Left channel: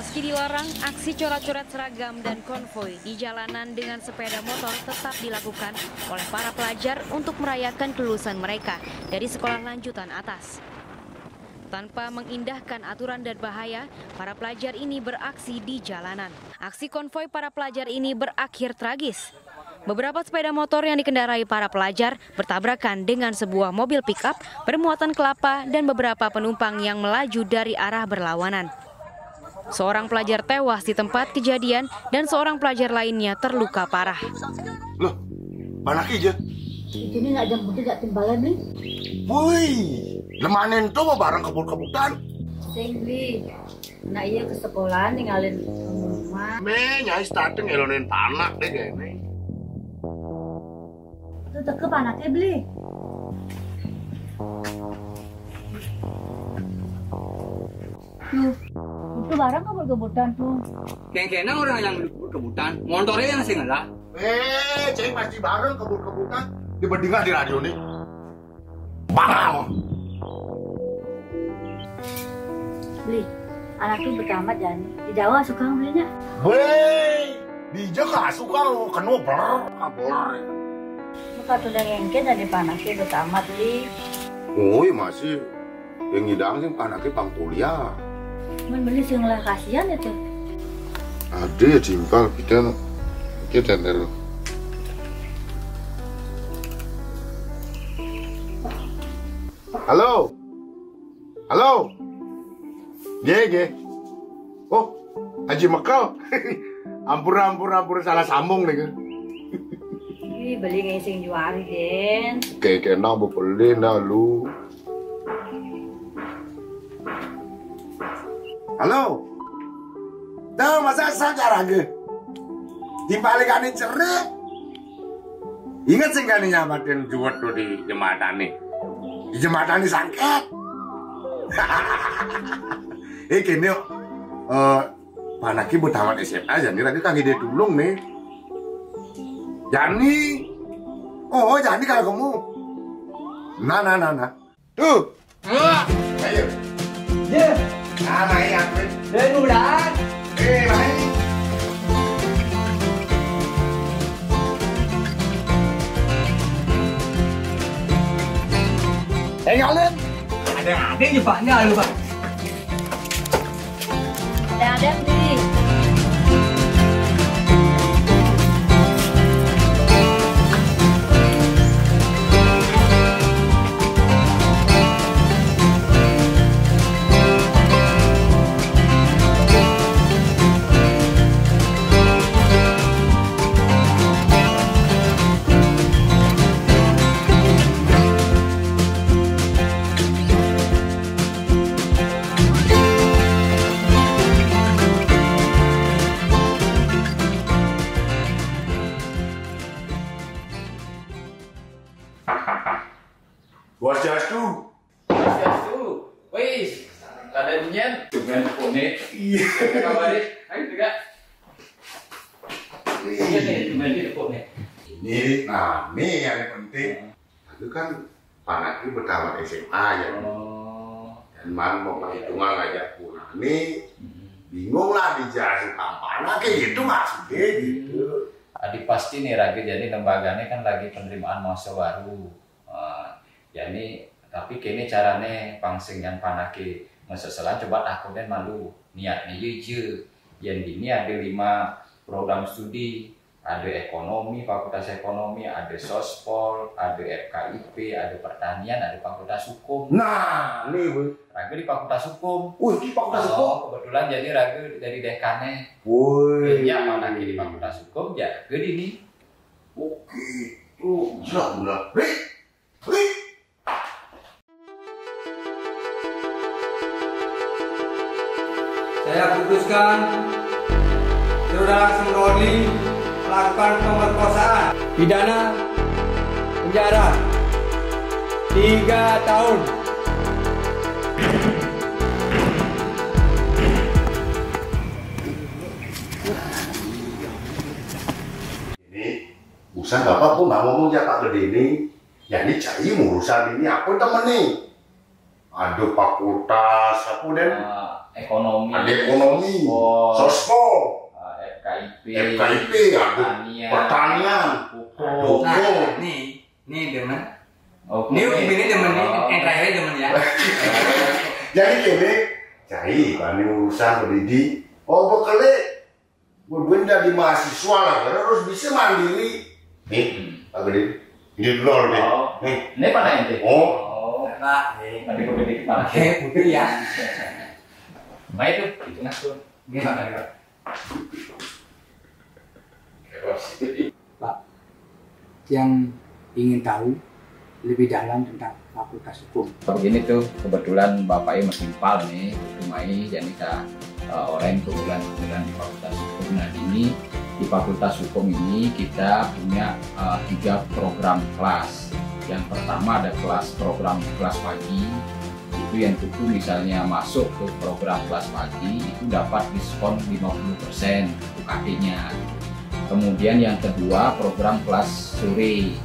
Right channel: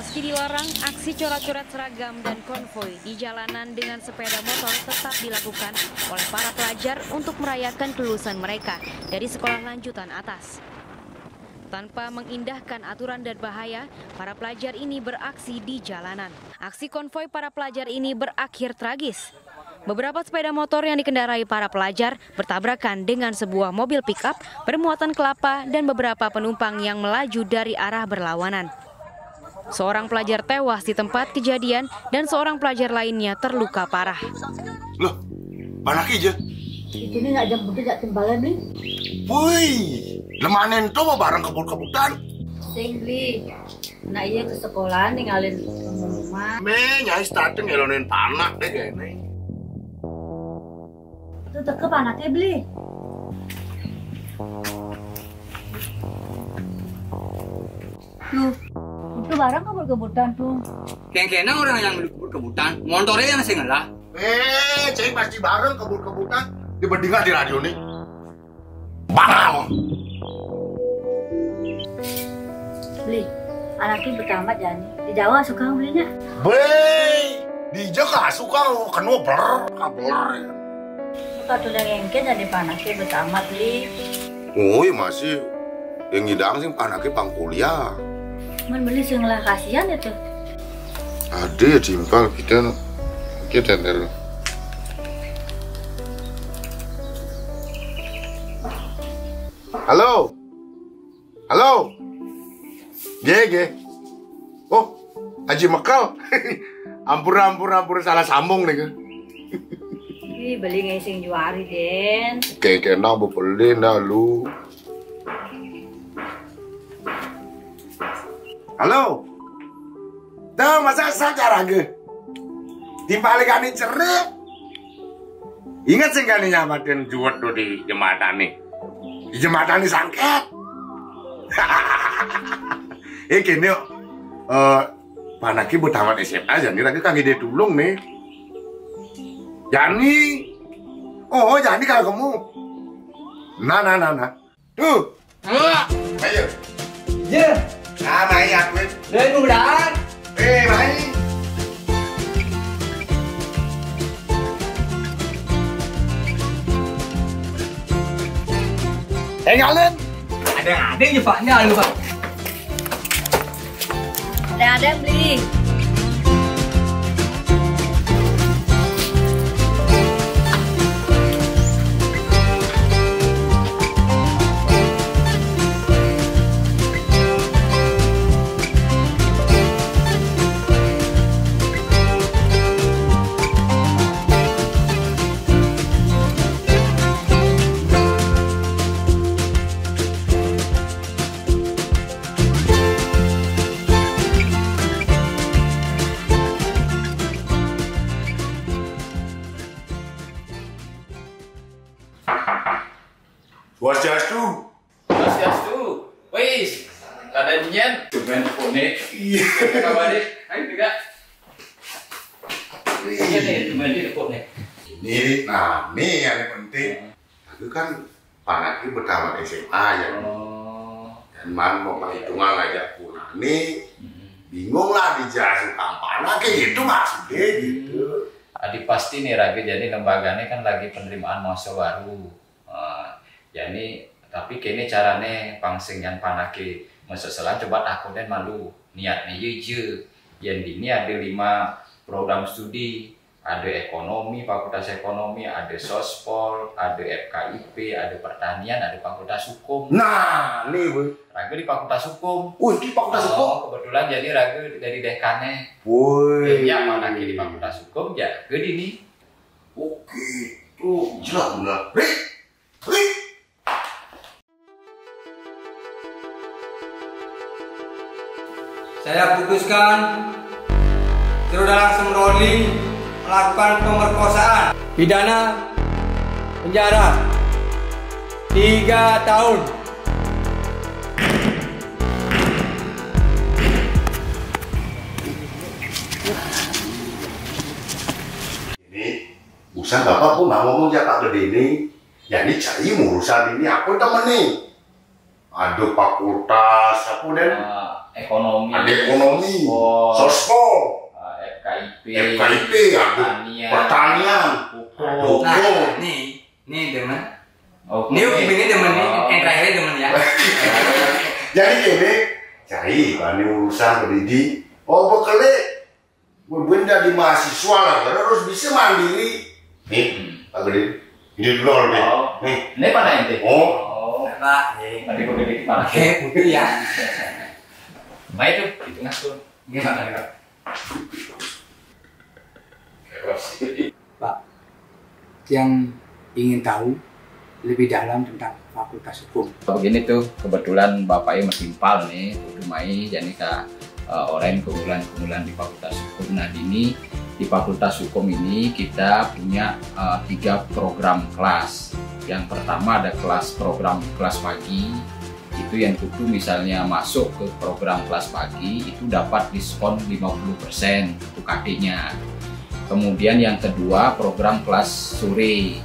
Meski dilarang, aksi coret-coret seragam dan konvoi di jalanan dengan sepeda motor tetap dilakukan oleh para pelajar untuk merayakan kelulusan mereka dari sekolah lanjutan atas. Tanpa mengindahkan aturan dan bahaya, para pelajar ini beraksi di jalanan. Aksi konvoi para pelajar ini berakhir tragis. Beberapa sepeda motor yang dikendarai para pelajar bertabrakan dengan sebuah mobil pick-up bermuatan kelapa dan beberapa penumpang yang melaju dari arah berlawanan. Seorang pelajar tewas di tempat kejadian dan seorang pelajar lainnya terluka parah. Loh, panak aja. Itu nih nggak jam putih nggak timbalan nih. Woi, lemanin tuh mau bareng kebut-kebutan. Sing beli. Nah iya ke sekolah ninggalin rumah. Me nyai starting ngelonin panak deh kayaknya. Itu tekep anaknya beli. Tuh, itu barang kebut-kebutan tuh. Kena orang yang kebut-kebutan, motornya yang saya ngalah. Ceng pasti bareng kebut-kebutan. Dibandingkan di radio nih. Bang! Beli, anaknya bertamat Jani. Di Jawa suka belinya. Bey, di Jawa suka kena kabel. Muka tuh yang engke jadi panasnya bertamat beli. Oh iya masih. Yang ngidang sih anaknya pang kuliah. Men beli sih ngelah kasihan itu. Ada ya jimpal kita ntar. Halo, halo, ge. Oh, Haji Mekal. ampur salah sambung nih kan. Ih, beli ngising juari den. Kayak enak beli dah lu. Halo, tuh masa sadar aja. Dibalikan ini cerip. Ingat sih kan nyamatin juwet tuh di jembatan nih. Di jembatan ini sangket. Gini yuk. Panaki buat tamat SMA aja nih. Lagi kaki dia tulung nih. Jani. Oh, Jani kalau kamu. Nah. Tuh. Ayo. Ya, Nah, main aku. dari mudahan. Main. Tinggalin. Ada yang Paknya lu Pak. Ada beli. Swastiastu. Wis, kada nyen. Cuman phone. Iya. Kabare? Ayo juga. Iya nih, cuman di phone. Ini, nah, nih yang penting. Itu kan panaknya bertamat SMA ya. Dan man mau perhitungan ngajak pulang nih. Bingung lah dijelasin kampana kayak gitu maksudnya gitu. Adi pasti nih Raga jadi lembaganya kan lagi penerimaan mahasiswa baru. Jadi tapi kini carane pangsingyan panake meseselan coba aku dan malu niatnya ye yang ini ada 5 program studi, ada ekonomi, fakultas ekonomi, ada sospol, ada FKIP, ada pertanian, ada fakultas hukum. Nah, nih bu. Raga di fakultas hukum. Di fakultas hukum. Kebetulan jadi Raga dari dekannya. Woi. Ya panake di fakultas hukum ya ke dini. Oke, tuh jelas benar. Ri. Saya putuskan Saudara Semroni melakukan pemerkosaan, pidana penjara 3 tahun. Ini usaha bapak pun mau ngomong jatah gede ini. Ya ini cari urusan ini aku temen nih. Aduh fakultas aku dan ekonomi, ada ekonomi, sospol, FKIP, ada pertanian, hukum. Nah, nih demen. Ini ini demen ini terakhir demen ya. Jadi gini, cari kan urusan pendidik. Bekerja, benda di mahasiswa lah, harus bisa mandiri. Nih, Pak Gede, ini dulu nih. Nih, ini mana ente? Pak, tadi pendidik mana? Putri ya. Nah itu ngatur. Gimana? Pak, yang ingin tahu lebih dalam tentang Fakultas Hukum. Begini tuh, kebetulan bapaknya metimpal nih, rumai, jadi orang kebetulan di Fakultas Hukum. Nah di Fakultas Hukum ini kita punya 3 program kelas. Yang pertama ada program kelas pagi, itu yang itu misalnya masuk ke program kelas pagi itu dapat diskon 50% UKT-nya. Kemudian yang kedua program kelas sore.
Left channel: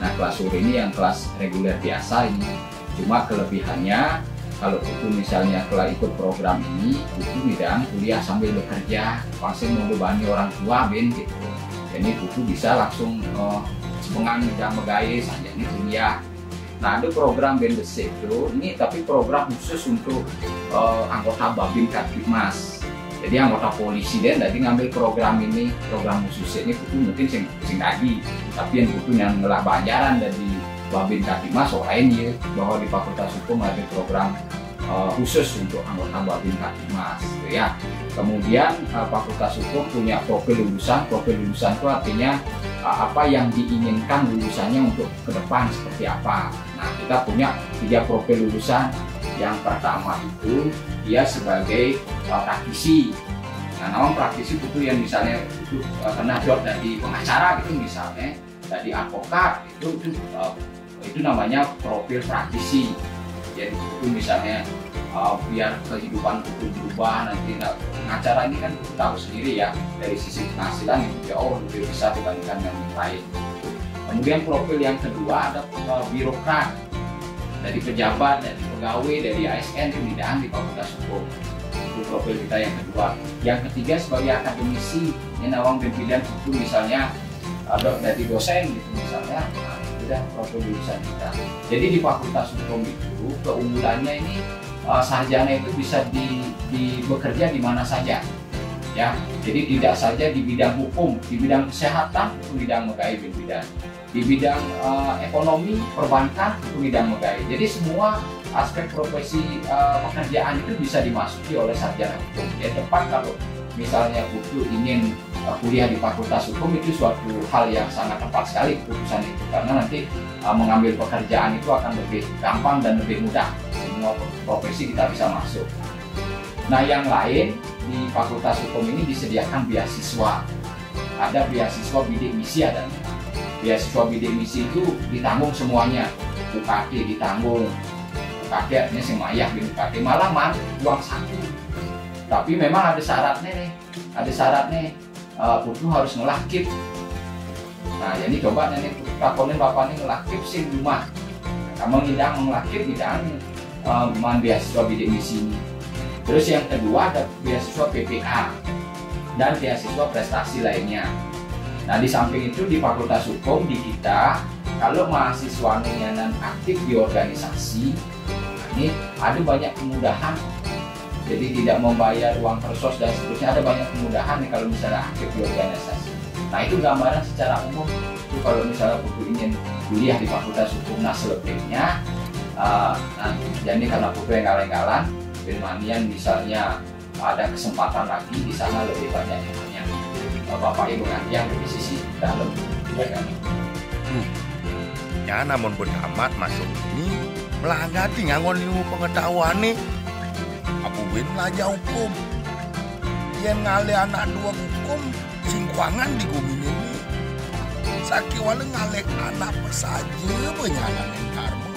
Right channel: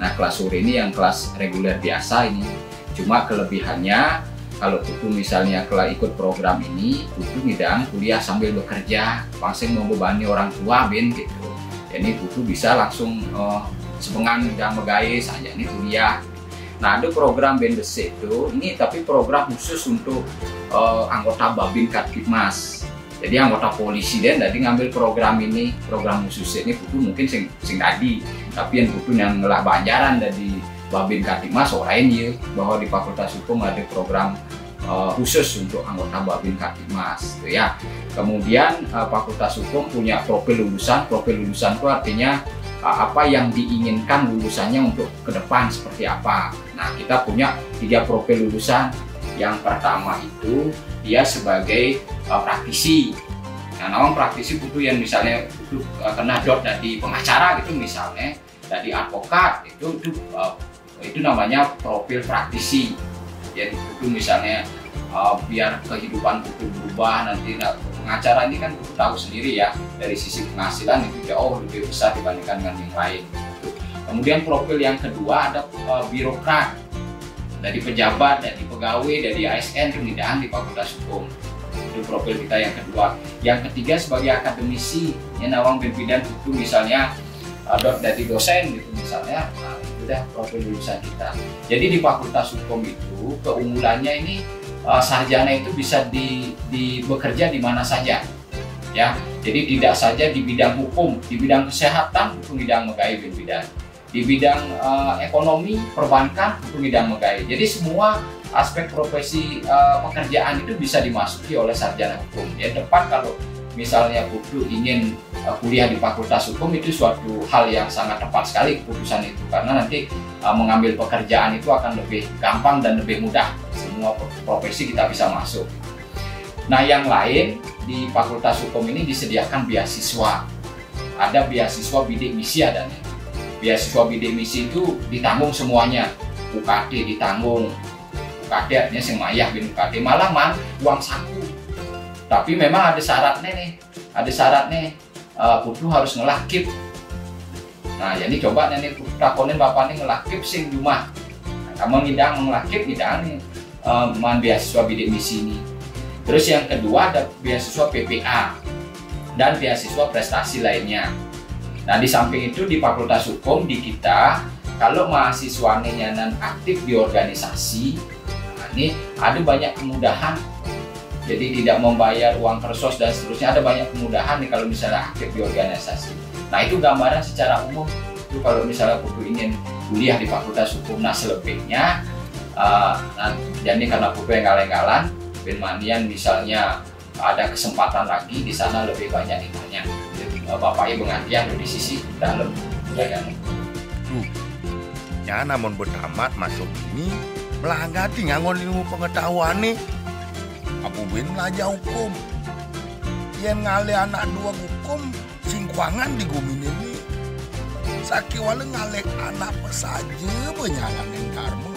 Nah kelas sore ini yang kelas reguler biasa ini. Cuma kelebihannya kalau itu misalnya kalau ikut program ini itu bidang kuliah sambil bekerja, langsung membebani orang tua gitu. Jadi itu bisa langsung sepengan jam megais saja ini kuliah. Nah ada program BNDC itu ini tapi program khusus untuk anggota Babin Kaptipmas. Jadi anggota polisi dan tadi ngambil program ini, program khusus ini buku mungkin sing tadi, tapi yang buku yang ngelah banjaran dari Babin Kaptipmas orang ini bahwa di Fakultas Hukum ada program khusus untuk anggota Babin Kaptipmas gitu ya. Kemudian Fakultas Hukum punya profil lulusan itu artinya apa yang diinginkan lulusannya untuk ke depan seperti apa. Nah kita punya 3 profil lulusan. Yang pertama itu dia sebagai praktisi. Nah namanya praktisi itu yang misalnya itu kena dot dari pengacara gitu misalnya, dari advokat itu namanya profil praktisi. Jadi itu misalnya biar kehidupan itu berubah nanti. Pengacara ini kan tahu sendiri ya dari sisi penghasilan itu jauh lebih besar dibandingkan dengan yang lain. Kemudian profil yang kedua ada birokrat, dari pejabat, dari pegawai, dari ASN pemidaan di Fakultas Hukum. Itu profil kita yang kedua. Yang ketiga sebagai akademisi, yang nawang bidang hukum misalnya dari dosen gitu misalnya, udah profil lulusan kita. Jadi di Fakultas Hukum itu keunggulannya ini sarjana itu bisa bekerja di mana saja. Ya, jadi tidak saja di bidang hukum, di bidang kesehatan itu bidang megai bidang. Di bidang ekonomi, perbankan, itu bidang megai. Jadi semua aspek profesi pekerjaan itu bisa dimasuki oleh sarjana hukum. Ya tepat kalau misalnya Putu ingin kuliah di Fakultas Hukum itu suatu hal yang sangat tepat sekali keputusan itu. Karena nanti mengambil pekerjaan itu akan lebih gampang dan lebih mudah. Semua profesi kita bisa masuk. Nah yang lain di Fakultas Hukum ini disediakan beasiswa. Ada beasiswa bidik misi adanya. Beasiswa bidik misi itu ditanggung semuanya, UKT ditanggung, UKT artinya semayah bin UKT malah uang saku. Tapi memang ada syaratnya nih, Putu harus ngelakip. Nah jadi coba nih lakonin bapak nih ngelakip sing rumah. Kamu ngidang ngelakip ngidang beasiswa bidik misi ini. Terus yang kedua ada beasiswa PPA dan beasiswa prestasi lainnya. Nah di samping itu di Fakultas Hukum di kita kalau mahasiswanya yang aktif di organisasi, ini ada banyak kemudahan. Jadi tidak membayar uang persos dan seterusnya, ada banyak kemudahan nih kalau misalnya aktif di organisasi. Nah itu gambaran secara umum. Itu kalau misalnya Putu ingin kuliah di Fakultas Hukum, nah selebihnya jadi karena Putu yang galang-galang, Benmanian misalnya ada kesempatan lagi di sana lebih banyak ilmunya. Bapak Ibu pengajian di sisi dalam ya. Ya namun bertamat masuk ini melanggar ngangon ilmu pengetahuan nih. Abu Ben belajar hukum. Yang ngale anak 2 hukum singkuangan di gumin ini. Saki wale ngalek anak pesaje benyangan yang karma.